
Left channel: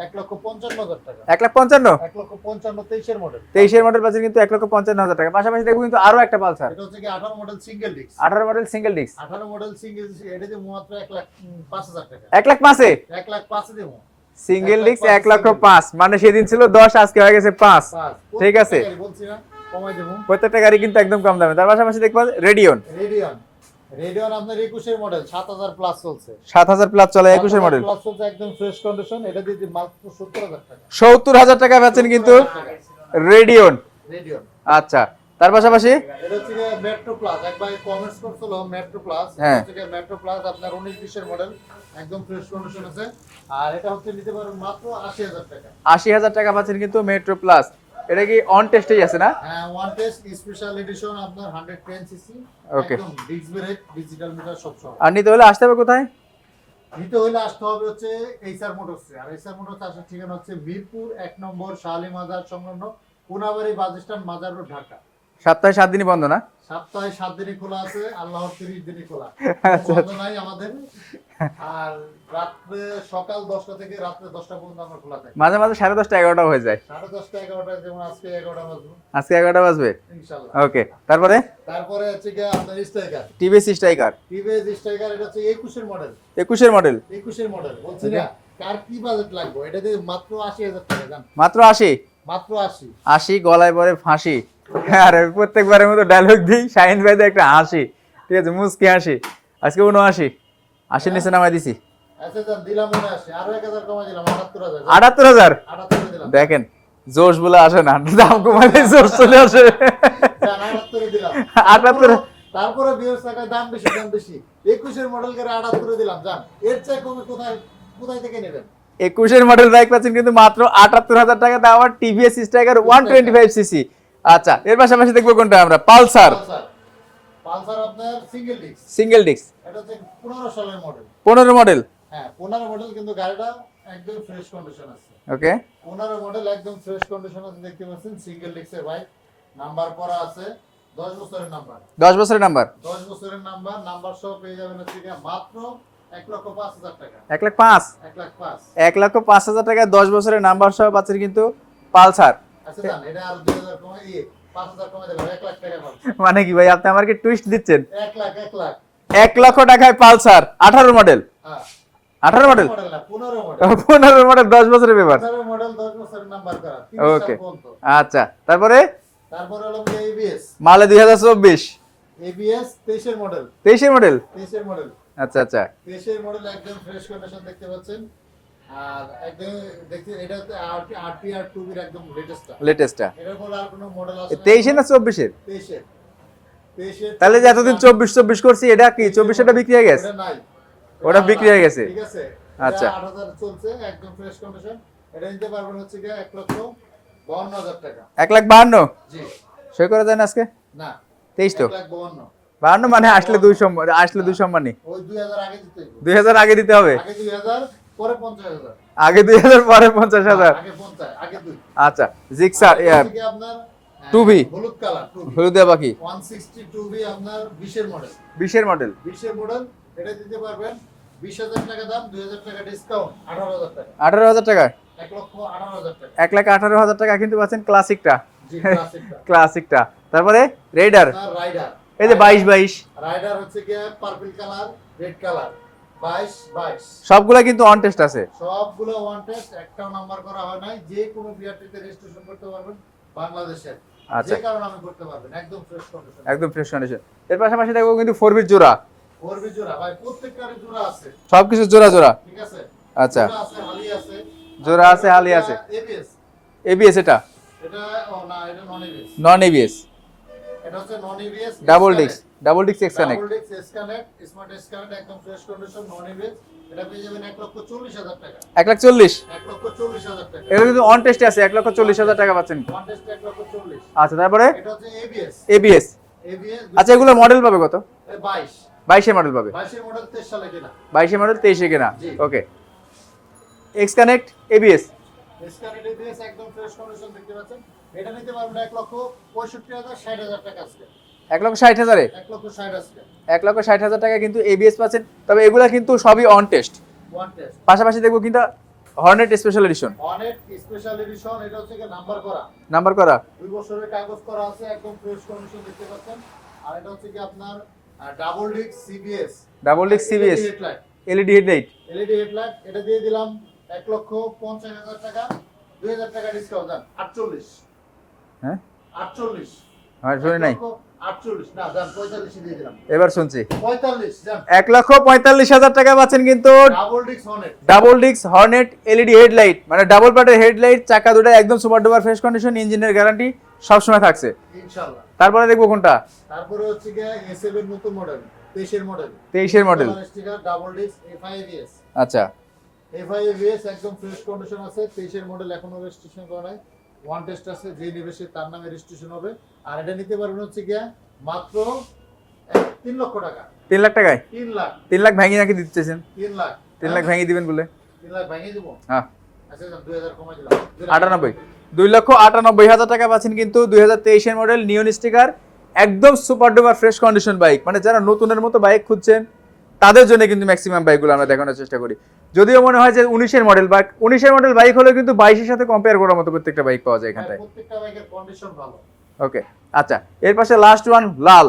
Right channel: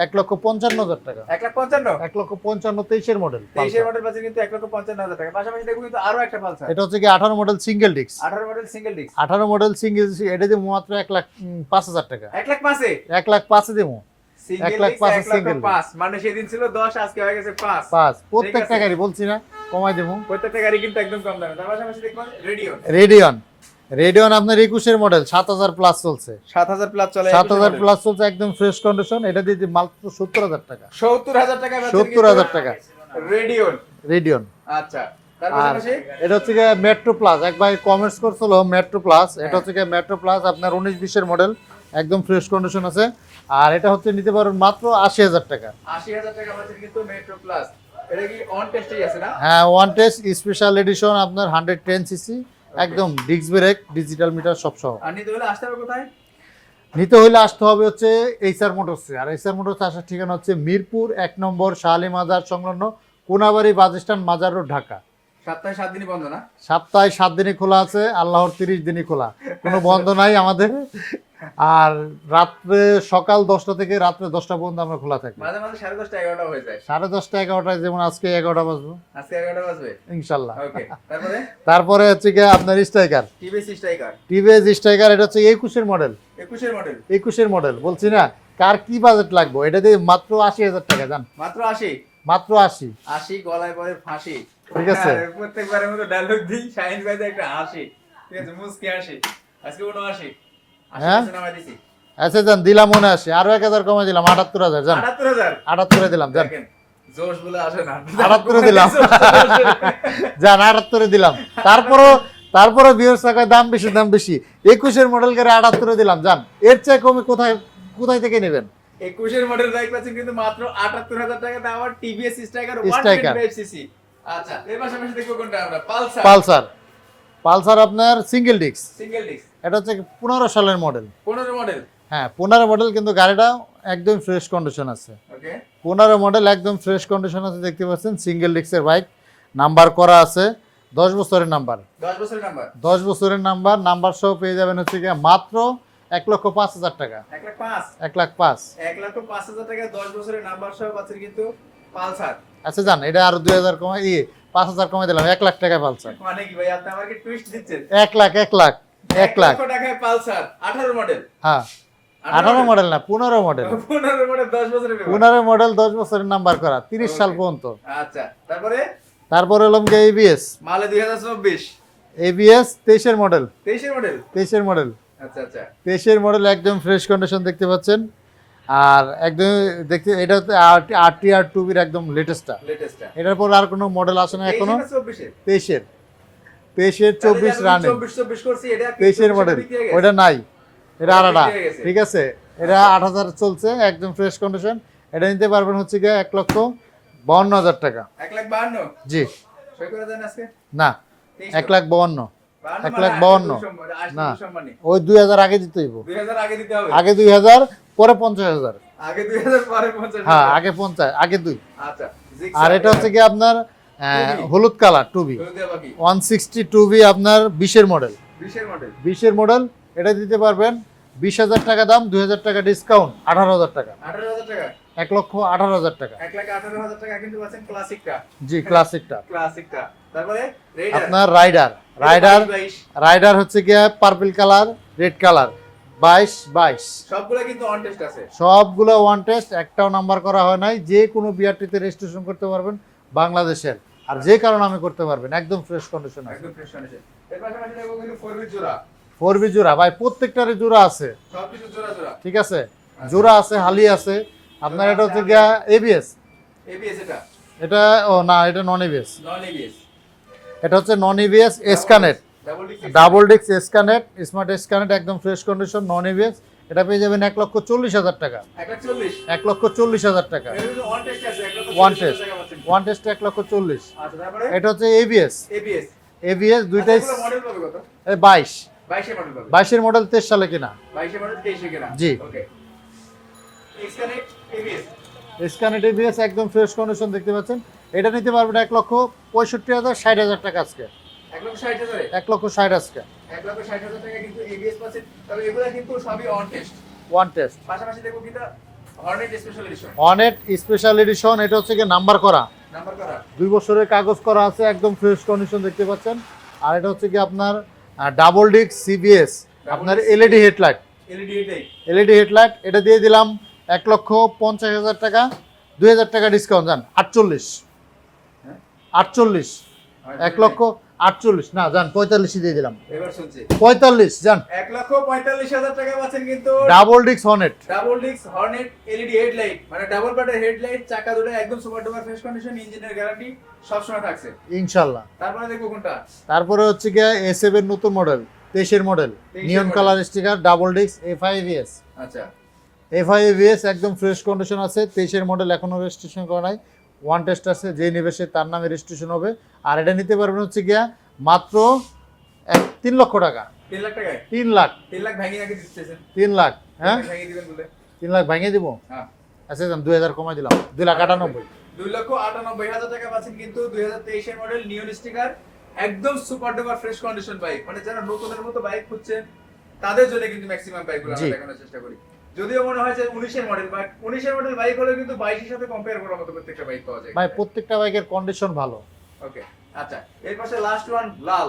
1,55,000 টাকা। 1,55,000। 1,55,000, 23 এর মডেল। 23 এর মডেল পাচ্ছেন কিন্তু 1,55,000 টাকা। পাশাপাশি দেখবো কিন্তু আরো একটা পালসার। এটা হচ্ছে কি 18 model single disk. 18 model single disk. 18 model single, এটা দিয়ে মাত্র 1,05,000 টাকা। 1,05,000 1,05,000 দেবো। সিঙ্গেল 1,05,000 ডিস্ক 1,05,000 মানে সেদিন ছিল 10 আজকে হয়ে গেছে 5 5 ঠিক প্রত্যেকটা আছে গাড়ি বলছি না কমাই দেবো। প্রত্যেকটা গাড়ি কিন্তু একদম কম দামে। তার পাশাপাশি দেখবা রেডিয়ন আপনার 21 এর মডেল 7000 প্লাস চলছে, 7000 প্লাস চলে 21 7000 মডেল প্লাস চলছে একদম ফ্রেশ কন্ডিশন। এটা দিয়ে মাত্র 70000 টাকা, 70000 টাকা বেচেন কিন্তু 70000 টাকা রেডিয়ন। আচ্ছা তার পাশাপাশি এটা হচ্ছে গিয়ে মেট্রো প্লাস, এক ভাই কমেন্টস করছিল মেট্রো প্লাস, এটা হ্যাঁ। হচ্ছে গিয়ে মেট্রো প্লাস আপনার 19-20 এর মডেল একদম ফ্রেশ কন্ডিশন আছে। আর এটা হচ্ছে নিতে পারবেন মাত্র 80000 টাকা। 80000 টাকা পাচ্ছেন কিন্তু মেট্রো প্লাস। এটা কি অন টেস্টেই আছে না? হ্যাঁ, ওয়ান টেস্ট স্পেশাল এডিশন আপনার 110 সিসি Okay. একদম ডিস্ক ব্রেক ডিজিটাল মিটার সব সহ। আর নিতে হলে আসতে হবে কোথায়? নিতে হলে আসতে হবে হচ্ছে এইচআর মোটরসে। আর এইচআর মোটরসে আসার ঠিকানা হচ্ছে মিরপুর 1 নম্বর শাহালি মাজার সংলগ্ন কোনাবাড়ি বাস স্ট্যান্ড, মাজার রোড, ঢাকা। সপ্তাহে 7 দিনই বন্ধ না? সপ্তাহে 7 দিনই খোলা আছে, আল্লাহর 30 দিনই খোলা, কোনো বন্ধ নাই আমাদের। আর সকাল 10টা থেকে রাত্রে 10টা পর্যন্ত আমরা খোলা থাকি। মাঝে মাঝে 10:30 11টা হয়ে যায়। 10:30 11টায়, যেমন আজকে 11টা বাজবে আজকে 11টা বাজবে ইনশাল্লাহ। ওকে তারপরে তারপরে হচ্ছে গিয়ে আপনার striker, TVS striker TVS striker, এটা হচ্ছে 21 এর মডেল। 21 এর মডেল। 21 এর মডেল বলছি না, কার কি বাজেট লাগবে, এটা দিয়ে মাত্র 80000 টাকা জান, মাত্র 80 মাত্র 80। 80 গলায় পরে ফাঁসি। ঠিক আছে। আরে প্রত্যেকবারের মতো ডায়লগ দিই শাহিন ভাইদের একটা হাসি, ঠিক আছে মুস্কি হাসি। আজকে 79 80 হ্যাঁ? নিচে নামাই দিছি। আচ্ছা জান, দিলাম মনে আসে, আরো 1000 কমাই দিলাম, 78000 জান, 78000 78 দিলাম জান। দেখেন জোশ বলে আসে না, দাম কমাই দিয়ে জোশ চলে আসে। জান 78 দিলাম। তারপরে ভিউয়ার্স টাকা দাম বেশি, দাম বেশি। 21 এর মডেল করে 78 দিলাম জান, এর চেয়ে কমে কোথায় থেকে নেবেন? 21 এর মডেল বাইক পাচ্ছেন কিন্তু মাত্র 78000 টাকা দাম। আর টিভিএস স্ট্রাইকার 125 সিসি। আচ্ছা এর পাশাপাশি দেখবো কোনটা আমরা? পালসার আপনার সিঙ্গেল ডিস্ক, সিঙ্গেল ডিস্ক এটা হচ্ছে 15 সালের মডেল। 15 মডেল। হ্যাঁ 15 মডেল, কিন্তু গাড়িটা একদম ফ্রেশ কন্ডিশন আছে। ওকে 15 মডেল একদম ফ্রেশ কন্ডিশন আছে, দেখতে পাচ্ছেন সিঙ্গেল ডিস্কের বাইক, নাম্বার করা আছে 10 বছরের নাম্বার, 10 বছরের নাম্বার। 10 বছরের নাম্বার সহ পেয়ে যাবেন হচ্ছে গিয়ে মাত্র 1,05,000 টাকা। 1,05,000 1,05,000। 1,05,000 টাকায় 10 বছরের নাম্বার সহ পাচ্ছেন কিন্তু পালসার। আচ্ছা জান, এটা আরো 2000 কমাই 5,000 কমাই দিলাম, 1 লাখ টাকায় পালসার। মানে কি ভাই আপনি আমাকে টুইস্ট দিচ্ছেন? 1 লাখ 1 লক্ষ টাকায় পালসার 18 মডেল। হ্যাঁ 18 মডেল মডেল না, 15 মডেল। 15 মডেল 10 বছরের পেপার। 15 মডেল 10 বছরের নাম্বার করা, 30 সাল Okay. পর্যন্ত। আচ্ছা তারপরে তারপরে হলাম যে এবিএস, মালে 2024 এবিএস 23 এর মডেল, 23 এর মডেল। 23 এর মডেল, আচ্ছা আচ্ছা 23 এর মডেল একদম ফ্রেশ কন্ডিশন দেখতে পাচ্ছেন। আর একদম দেখতে এটা হচ্ছে আরটিআর 2 এর একদম লেটেস্টটা। লেটেস্টটা এটার পর আর কোনো মডেল আসে না 23 এর না 24 এর? 23 এর তাহলে যে এতদিন 24 করছি এটা কি 24 টা বিক্রি হয়ে গেছে? ওটা নাই, ওটা বিক্রি হয়ে গেছে। ঠিক আছে, এটা আচ্ছা। 8000 চলছে একদম ফ্রেশ কন্ডিশন। এটা নিতে পারবেন হচ্ছে গিয়ে 1,52,000 টাকা। 1,52,000 জি সই করে দেন আজকে? না, 23 তো 1,52,000। 52 মানে আসলে 1,52,000 আসলে 2 সম্মানই। ওই 2000 আগে দিতে হইব, 2000 আগে দিতে হবে। আগে 2000 পরে 50,000। আগে 2000 পরে 50,000। আগে 50, আগে 2। আচ্ছা জিক্সার এটা হচ্ছে কি আপনার 2V হলুদ কালার 2V, হলুদিয়া বাকি 160 2V আপনার 20 এর মডেল। 20 এর মডেল। 20 এর মডেল, এটা দিতে পারবেন 20,000 টাকা দাম, 2,000 টাকা ডিসকাউন্ট, 18,000 টাকা। 18,000 টাকা। 1,18,000 টাকা। 1,18,000 টাকা কিন্তু পাচ্ছেন ক্লাসিকটা। জি ক্লাসিকটা। ক্লাসিকটা তারপরে রেডার আপনার রাইডার, এই যে 22 রাইডার হচ্ছে কি পার্পল কালার, রেড কালার, 22 সবগুলা কিন্তু অন টেস্ট আছে। সবগুলো ওয়ান টেস্ট, একটাও নাম্বার করা হয় নাই। যে কোনো বিআরটিতে রেজিস্ট্রেশন করতে পারবেন বাংলাদেশের, আর আচ্ছা। যে কারণে আমি করতে পারবেন, একদম ফ্রেশ কন্ডিশন, একদম ফ্রেশ কন্ডিশন। এর পাশাপাশি দেখো কিন্তু 4 বিট জোড়া, 4V জোড়া ভাই, প্রত্যেকটারই জোড়া আছে, সবকিছু জোড়া জোড়া। ঠিক আছে। আচ্ছা জোড়া আছে, হালি আছে, জোড়া আছে, হালি আছে। এবিএস, এবিএস এটা এটা ও না, এটা নন এবিএস, নন এবিএস এটা হচ্ছে নন এবিএস ডাবল এসকানেট, ডাবল ডিস্ক ডাবল ডিস্ক এসকানেট, স্মার্ট এসকানেট একদম ফ্রেশ কন্ডিশন নন এবিএস। এটা পেয়ে যাবেন 1,40,000 টাকা। 1,40,000 1,40,000 টাকা। এটা কিন্তু অন টেস্টে আছে 1,40,000 টাকা পাচ্ছেন। One test 1,40,000। আচ্ছা তারপরে এটা হচ্ছে এবিএস, এবিএস। এবিএস আচ্ছা এগুলো মডেল পাবে কত? 22 22 এর মডেল পাবে। 22 এর মডেল 23 সালে কিনা। 22 এর মডেল 23 এ কেনা। জি। ওকে এক্স কানেক্ট এবিএস। এসকানেট এবিএস একদম ফ্রেশ কন্ডিশন দেখতে পাচ্ছেন। এটা নিতে পারবেন 1,65,000 60,000 টাকা আজকে। 1,60,000 এ 1,60,000 আজকে 1,60,000 টাকা কিন্তু এবিএস পাচ্ছেন। তবে এগুলা কিন্তু সবই অন টেস্ট। One test. পাশাপাশি দেখবো কিন্তু হর্নেট স্পেশাল এডিশন। অনেক স্পেশাল এডিশন, এটা হচ্ছে কি নাম্বার করা, নাম্বার করা 2 বছরের কাগজ করা আছে, একদম ফ্রেশ কন্ডিশন দেখতে পাচ্ছেন। আর এটা হচ্ছে কি আপনার double disc CBS, Double disc LED CBS headlight, LED headlight. LED headlight. এটা দিয়ে দিলাম 1,50,000 টাকা, 2,000 টাকা ডিসকাউন্ট যান 48। হ্যাঁ 48, আমার 1,48,000 না যান 45 দিয়ে দিলাম। এবার শুনছি 45 যান। 1,45,000 টাকা পাচ্ছেন কিন্তু ডাবল ডিক্স Hornet, double disc Hornet LED headlight, মানে ডাবল পার্টের হেডলাইট, চাকা দুটো একদম সুপার ডুপার ফ্রেশ কন্ডিশন, ইঞ্জিনের গ্যারান্টি সবসময় থাকছে ইনশাআল্লাহ। তারপরে দেখবো কোনটা। তারপরে হচ্ছে গিয়ে S7 এর নতুন মডেল, 23 এর মডেল, 23 এর মডেল, কালার স্টিকার, ডাবল ডিক্স, FI-ABS। আচ্ছা FI-ABS একদম ফ্রেশ কন্ডিশন আছে। 23 এর মডেল, এখনো রেজিস্ট্রেশন করা নাই, ওয়ান টেস্ট আছে, যে নেবে সে তার নামে রেজিস্ট্রেশন হবে। আর এটা নিতে পারবেন হচ্ছে গিয়া মাত্র 3 লক্ষ টাকা। 3 লাখ টাকায়? 3 লাখ। 3 লাখ ভাঙিয়ে নাকি দিতে চাইছেন? 3 লাখ। 3 লাখ ভাঙিয়ে দিবেন বলে? 3 লাখ ভাঙিয়ে দিব। হ্যাঁ আচ্ছা যান 2000 কমাই দিলাম, 2,98,000। 2,98,000 টাকা পাচ্ছেন কিন্তু 2023 এর মডেল, নিয়ন স্টিকার, একদম super duper fresh condition bike. মানে যারা নতুনের মতো বাইক খুঁজছেন তাদের জন্য কিন্তু ম্যাক্সিমাম বাইকগুলো আমরা জি। দেখানোর চেষ্টা করি। যদিও মনে হয় যে 19 এর মডেল বাইক, 19 এর মডেল বাইক হলে কিন্তু 22 এর সাথে কম্পেয়ার করার মতো প্রত্যেকটা বাইক পাওয়া যায় ভাই এখানে। প্রত্যেকটা বাইকের কন্ডিশন ভালো। ওকে আচ্ছা, এর পাশে লাস্ট ওয়ান লাল।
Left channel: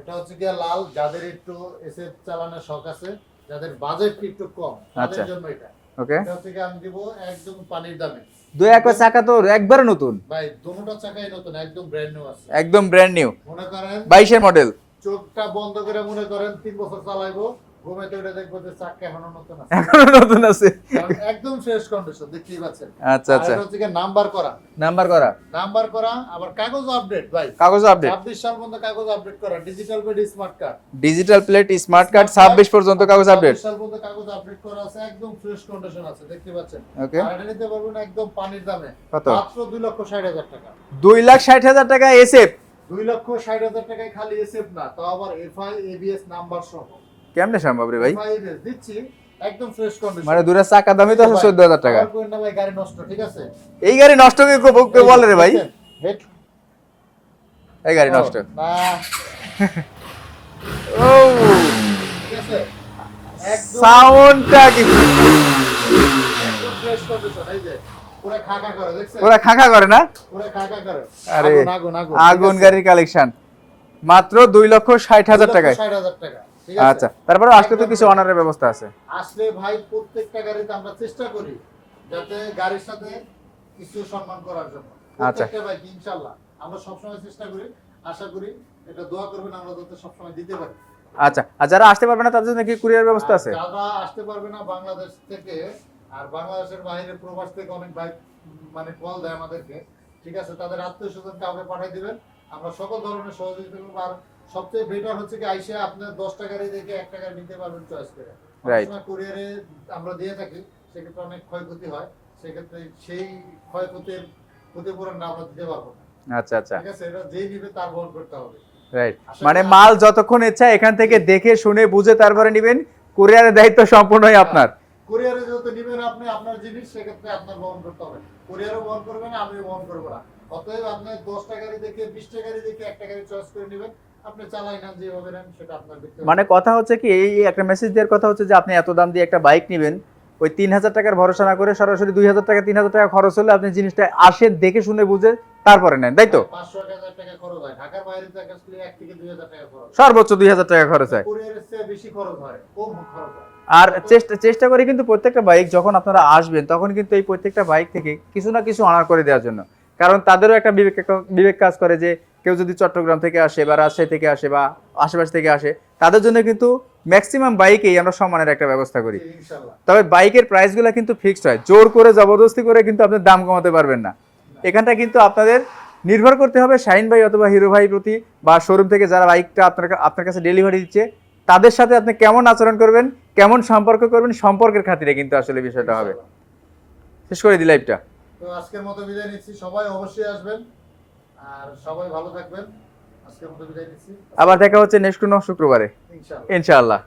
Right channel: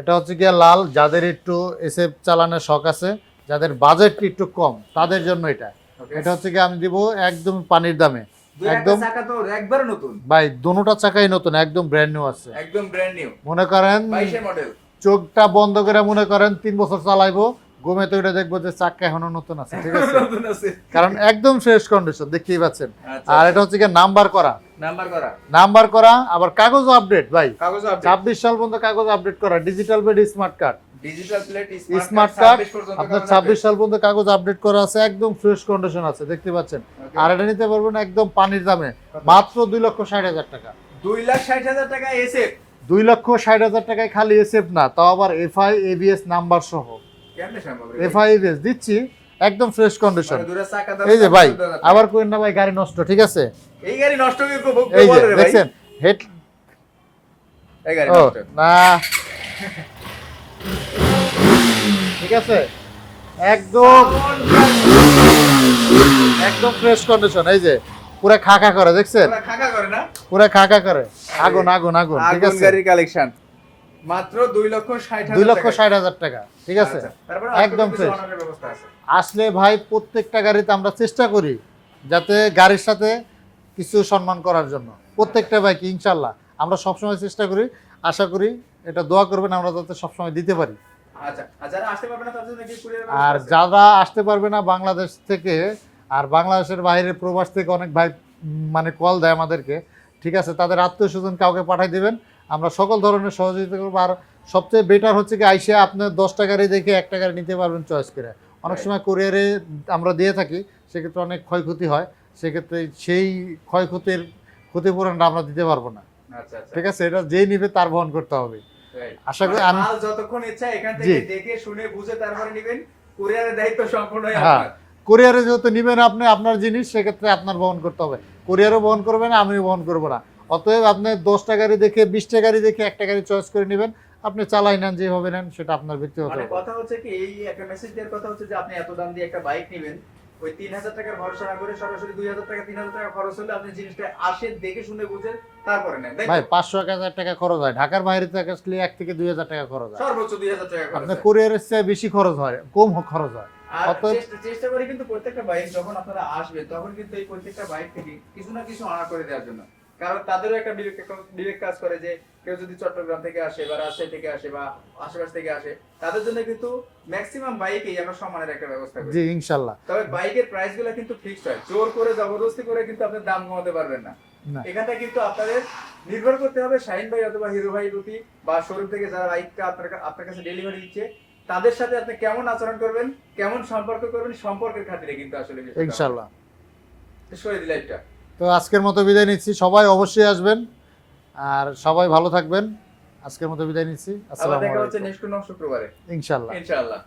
এটা হচ্ছে গিয়া লাল, যাদের একটু এসএফ চালানোর শখ আছে, যাদের বাজেট একটু কম, তাদের আচ্ছা। জন্য এটা। ওকে এটা হচ্ছে গিয়ে আমি দিব একদম পানির দামে। দুই একটা একদম- চাকা তো একবারে নতুন, ভাই দোনোটা চাকাই নতুন, একদম ব্র্যান্ড নিউ আছে। একদম ব্র্যান্ড নিউ, মনে করেন 22 এর মডেল। চোখটা বন্ধ করে মনে করেন 3 বছর চালাইবো, ঘুমেতে উঠে দেখবো যে চাকা এখনো নতুন আছে। নতুন আছে, কারণ একদম ফ্রেশ কন্ডিশন, দেখতেই পাচ্ছেন। আচ্ছা আর এটা আচ্ছা, হচ্ছে গিয়ে নাম্বার করা, নাম্বার করা, নাম্বার করা, আবার কাগজ আপডেট ভাই। কাগজ আপডেট, 26 সাল পর্যন্ত কাগজ আপডেট করা, digital bed smart card, digital plate, smart card, 26 পর্যন্ত কাগজ আপডেট। 26 সাল পর্যন্ত কাগজ আপডেট করা আছে, একদম ফ্রেশ কন্ডিশন আছে, দেখতে পাচ্ছেন। ওকে আর এটা নিতে পারবেন একদম পানির দামে, কত? মাত্র 2,60,000 টাকা। 2,60,000 টাকা এসএফ। 2,60,000 টাকায় খালি এসএফ না, তাও আবার FI-ABS নাম্বার সহ। কেমনে সম্ভব রে ভাই? FI-ABS দিচ্ছি, একদম ফ্রেশ কন্ডিশন। মানে দুরা চাকা দামে এই যে ভাই, 14,000 টাকা। আবার কোয়েন না ভাই গাড়ি নষ্ট, ঠিক আছে? এই গাড়ি নষ্ট হয়ে এই যে, বল রে ভাই, দেখছেন, হেড এই গাড়ি নষ্ট না। ও, ঠিক আছে, একদম সাউন্ডটা কি একদম ফ্রেশ কন্ডিশন। এই যে পুরো খাকা করে, দেখছেন? ওরা খাখা করে না? পুরো খাকা করে, আরে, আগুন আগুন আগুন, ঠিক আগুন আছে? গাড়ির কালেকশন মাত্র 2,60,000 টাকা। 2,60,000 টাকা, ঠিক আছে? আচ্ছা, তারপরে আজকে তো একদম কিছু fresh। অনারের ব্যবস্থা আছে। আসলে ভাই প্রত্যেকটা গাড়িতে আমরা চেষ্টা করি যাতে গাড়ির সাথে কিছু সম্মান করার জন্য, প্রত্যেকটা বাইক ইনশাল্লাহ আমরা সবসময় চেষ্টা করি। আশা করি এটা দোয়া করবেন আমরা যাতে সবসময় দিতে পারি। আচ্ছা, আর যারা আসতে পারবে না তাদের জন্য কি কুরিয়ার ব্যবস্থা আর আছে? যারা আসতে পারবে না বাংলাদেশ থেকে আর বাংলাদেশের বাইরে প্রবাস থেকে অনেক ভাই মানে কল দেয় আমাদেরকে, ঠিক আছে? তাদের আত্মীয় স্বজন কাউকে পাঠিয়ে দিবেন, আমরা সকল ধরনের সহযোগিতা করবো। আর সবচেয়ে বেটার হচ্ছে কি আইসে আপনি 10টা গাড়ি দেখে 1টা গাড়ি নিতে পারবেন চয়েস করে। অনেক Right. সময় কুরিয়ারে আমরা দিয়ে থাকি, সেক্ষেত্রে অনেক ক্ষয়ক্ষতি হয়, সেক্ষেত্রে সেই ক্ষয়ক্ষতির ক্ষতিপূরণটা আমরা দিতে পারবো না, আচ্ছা আচ্ছা, ঠিক আছে? এটা যেই নিবে তার বহন করতে হবে। রাইট। আশা মানে করি মাল যতক্ষণ ইচ্ছা এখান থেকে জি। দেখে শুনে বুঝে তারপরে নেবেন, কুরিয়ারের দায়িত্ব সম্পূর্ণই আপনার। কুরিয়ারে যেহেতু নিবেন আপনি আপনার জিনিস, সেক্ষেত্রে আপনার বহন করতে হবে। কুরিয়ারও বহন করবে না, আমিও বহন করবো না। অতএব আপনি 10টা গাড়ি দেখে 20টা গাড়ি দেখে 1টা গাড়ি চয়েস করে নেবেন, আপনি চালাই নেন যেভাবে নেন, সেটা আপনার ব্যক্তিগত। মানে কথা হচ্ছে কি, এই একটা মেসেজ দেওয়ার কথা হচ্ছে যে আপনি এত দাম দিয়ে একটা বাইক নেবেন, ওই 3,000 টাকার ভরসা না করে সরাসরি 2,000 টাকা 3,000 টাকা খরচ হলে আপনি জিনিসটা আসে দেখে শুনে বুঝে তারপরে নেন, তাই তো? 500-1,000 টাকা খরচ হয়, ঢাকার বাইরে থেকে আসলে 1 থেকে 2,000 টাকা খরচ হয়। সর্বোচ্চ 2,000 টাকা খরচ হয়। কুরিয়ারের চেয়ে বেশি খরচ হয়, কম খরচ হয়। আর অত- চেষ্টা করি কিন্তু প্রত্যেকটা বাইক যখন আপনারা আসবেন তখন কিন্তু এই প্রত্যেকটা বাইক থেকে কিছু না কিছু অনার করে দেওয়ার জন্য, কারণ তাদেরও একটা বিবেক কাজ করে যে কেউ যদি চট্টগ্রাম থেকে আসে বা রাজশাহী থেকে আসে বা আশেপাশ থেকে আসে, তাদের জন্য কিন্তু ম্যাক্সিমাম বাইকেই আমরা সম্মানের একটা ব্যবস্থা করি। জি ইনশাল্লাহ। তবে বাইকের প্রাইসগুলো কিন্তু ফিক্সড হয়, জোর করে জবরদস্তি করে কিন্তু আপনি দাম কমাতে পারবেন না। না। এখানটা কিন্তু আপনাদের নির্ভর করতে হবে শাহিন ভাই অথবা হিরো ভাই প্রতি, বা শোরুম থেকে যারা বাইকটা আপনার কাছে ডেলিভারি দিচ্ছে তাদের সাথে আপনি কেমন আচরণ করবেন, কেমন সম্পর্ক করবেন, সম্পর্কের খাতিরে কিন্তু আসলে বিষয়টা হবে। ইনশাল্লাহ। শেষ করে দিই লাইভটা। তো আজকের মতো বিদায় নিচ্ছি, সবাই অবশ্যই আসবেন আর সবাই ভালো থাকবেন। আজকের মতো বিদায় নিচ্ছি, আবার দেখা হচ্ছে নেক্সট কোনো শুক্রবারে ইনশাল্লাহ। ইনশাআল্লাহ।